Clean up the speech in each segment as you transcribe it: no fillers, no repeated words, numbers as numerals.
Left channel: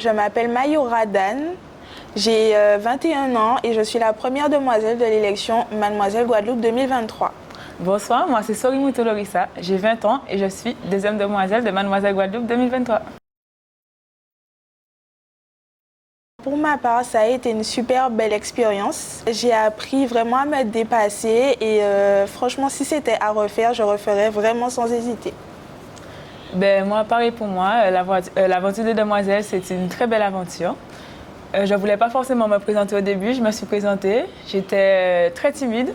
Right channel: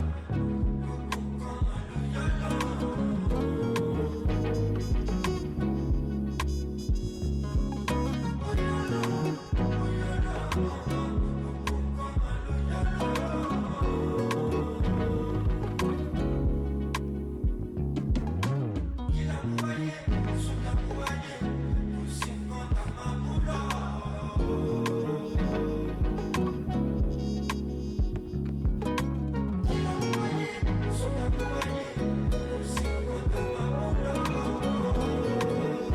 Je m'appelle Mayura Dan, j'ai 21 ans et je suis la première demoiselle de l'élection Mademoiselle Guadeloupe 2023. Bonsoir, moi c'est Sorini Tolorissa, j'ai 20 ans et je suis deuxième demoiselle de Mademoiselle Guadeloupe 2023. Pour ma part, ça a été une super belle expérience. J'ai appris vraiment à me dépasser et franchement, si c'était à refaire, je referais vraiment sans hésiter. Moi, pareil pour moi, l'aventure des demoiselles, c'est une très belle aventure. Je ne voulais pas forcément me présenter au début, je me suis présentée, j'étais très timide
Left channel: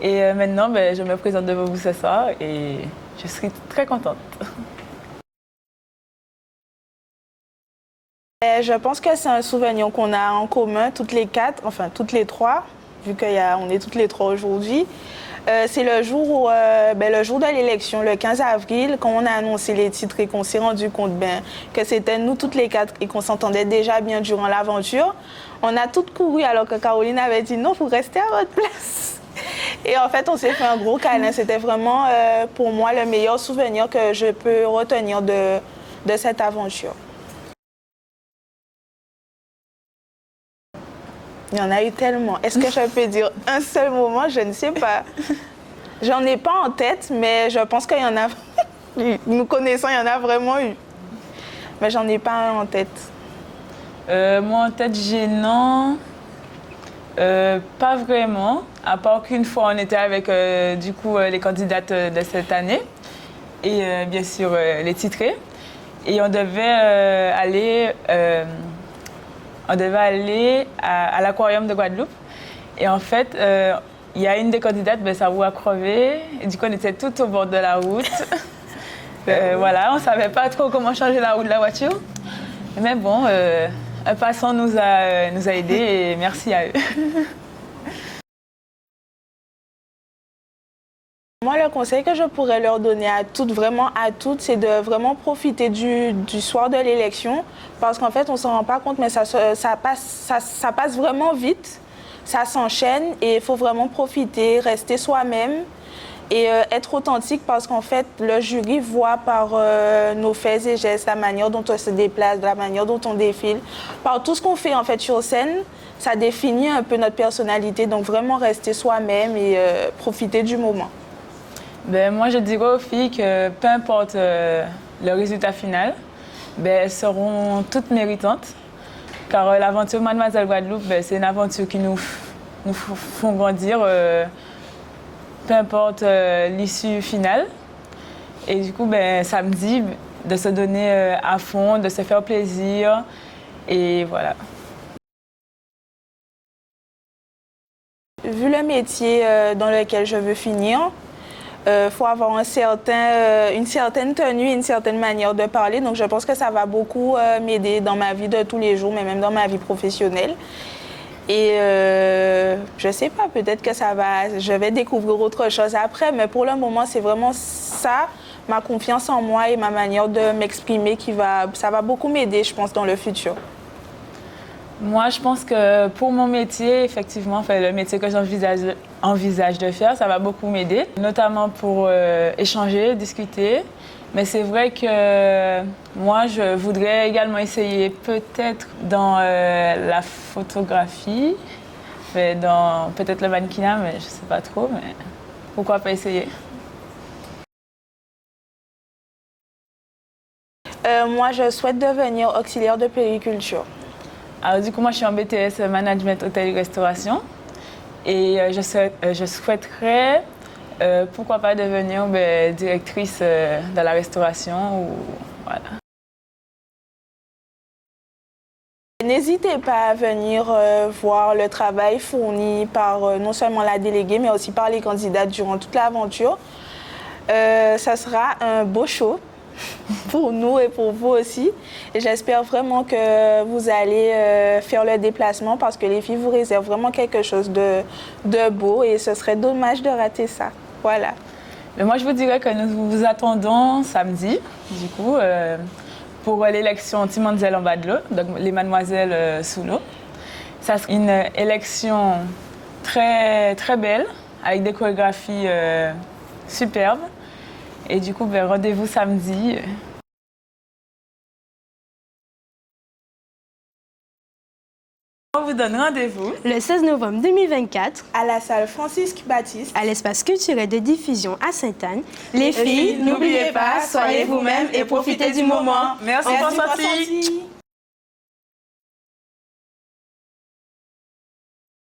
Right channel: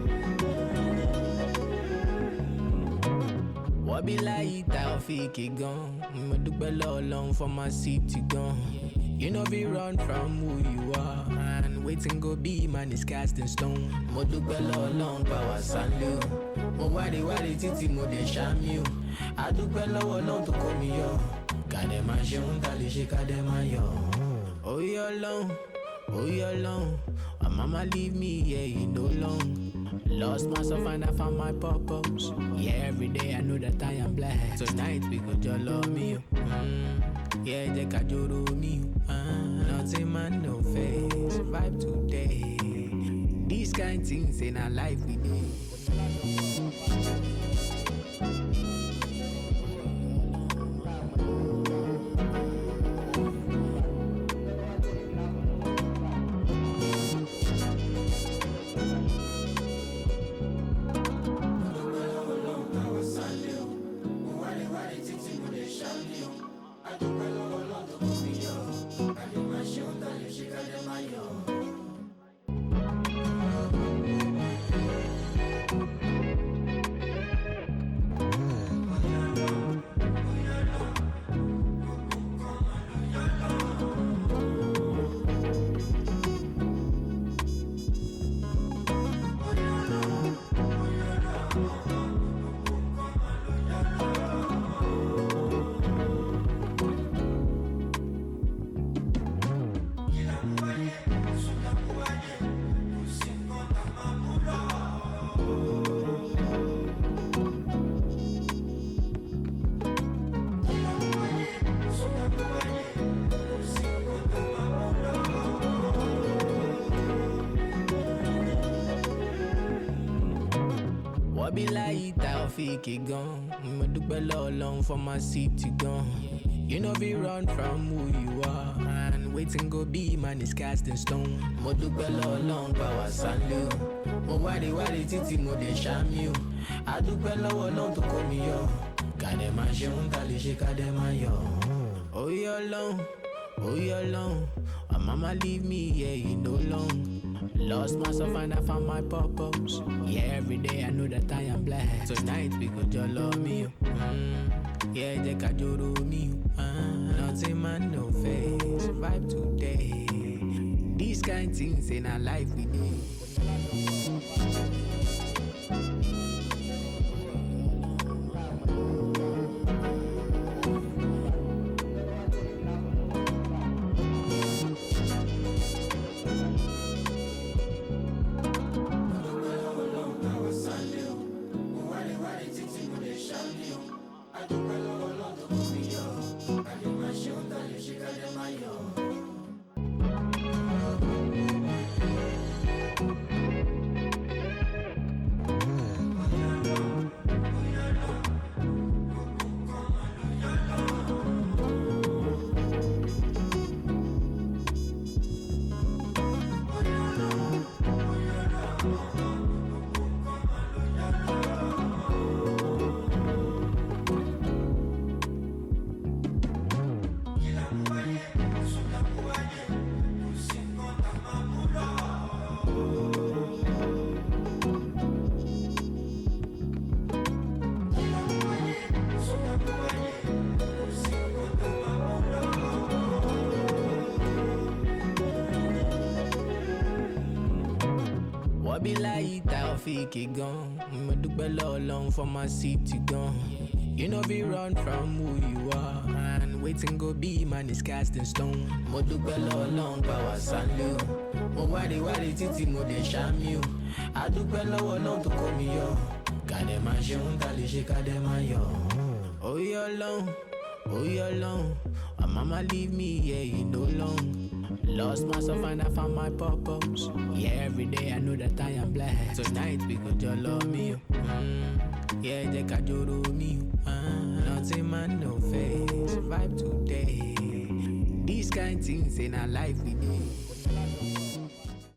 et maintenant je me présente devant vous ce soir et je suis très contente. Je pense que c'est un souvenir qu'on a en commun, toutes les quatre, enfin toutes les trois, vu qu'on est toutes les trois aujourd'hui. C'est le jour de l'élection, le 15 avril, quand on a annoncé les titres et qu'on s'est rendu compte que c'était nous toutes les quatre et qu'on s'entendait déjà bien durant l'aventure. On a toutes couru alors que Caroline avait dit non, vous restez à votre place. Et en fait, on s'est fait un gros câlin. C'était vraiment pour moi le meilleur souvenir que je peux retenir de cette aventure. Il y en a eu tellement. Est-ce que je peux dire un seul moment? Je ne sais pas. J'en ai pas en tête, mais je pense qu'il y en a eu. Nous connaissons, il y en a vraiment eu. Mais j'en ai pas un en tête. Moi, en tête gênant, pas vraiment. À part qu'une fois, on était avec les candidates de cette année et bien sûr les titrés. Et on devait aller à l'aquarium de Guadeloupe. Et en fait, il y a une des candidates, sa roue a crevé. Et du coup, on était tout au bord de la route. Voilà, on ne savait pas trop comment changer la roue de la voiture. Mais bon, un passant nous a aidés et merci à eux. Moi, le conseil que je pourrais leur donner à toutes, vraiment à toutes, c'est de vraiment profiter du soir de l'élection. Parce qu'en fait, on ne s'en rend pas compte, mais ça passe vraiment vite. Ça s'enchaîne et il faut vraiment profiter, rester soi-même et être authentique parce qu'en fait, le jury voit par nos faits et gestes, la manière dont on se déplace, la manière dont on défile, par tout ce qu'on fait en fait sur scène, ça définit un peu notre personnalité. Donc vraiment rester soi-même et profiter du moment. Moi, je dirais aux filles que peu importe le résultat final, elles seront toutes méritantes. Car l'aventure Mademoiselle Guadeloupe, c'est une aventure qui nous font grandir, peu importe l'issue finale. Et du coup, samedi, de se donner à fond, de se faire plaisir. Et voilà. Vu le métier dans lequel je veux finir, faut avoir une certaine tenue, une certaine manière de parler. Donc je pense que ça va beaucoup m'aider dans ma vie de tous les jours, mais même dans ma vie professionnelle. Et je sais pas, peut-être que je vais découvrir autre chose après, mais pour le moment, c'est vraiment ça, ma confiance en moi et ma manière de m'exprimer ça va beaucoup m'aider, je pense, dans le futur. Moi, je pense que pour mon métier, effectivement, le métier que j'envisage de faire, ça va beaucoup m'aider, notamment pour échanger, discuter. Mais c'est vrai que moi, je voudrais également essayer peut-être dans la photographie, dans peut-être le mannequinat, mais je ne sais pas trop, mais pourquoi pas essayer? Moi, je souhaite devenir auxiliaire de puériculture. Alors du coup, moi je suis en BTS Management Hôtellerie-Restauration et je souhaiterais, pourquoi pas devenir directrice de la restauration. Voilà. N'hésitez pas à venir voir le travail fourni par non seulement la déléguée, mais aussi par les candidats durant toute l'aventure. Ça sera un beau show pour nous et pour vous aussi. Et j'espère vraiment que vous allez faire le déplacement parce que les filles vous réservent vraiment quelque chose de beau et ce serait dommage de rater ça. Voilà. Mais moi, je vous dirais que nous vous attendons samedi, du coup, pour l'élection Timanzel en bas de l'eau, donc les mademoiselles sous l'eau. Ça sera une élection très, très belle, avec des chorégraphies superbes. Et du coup, rendez-vous samedi. On vous donne rendez-vous le 16 novembre 2024 à la salle Francis Baptiste, à l'espace culturel de diffusion à Sainte-Anne. Les filles, n'oubliez pas, soyez vous-même et profitez du moment. Merci, Merci Constantine. Constantine.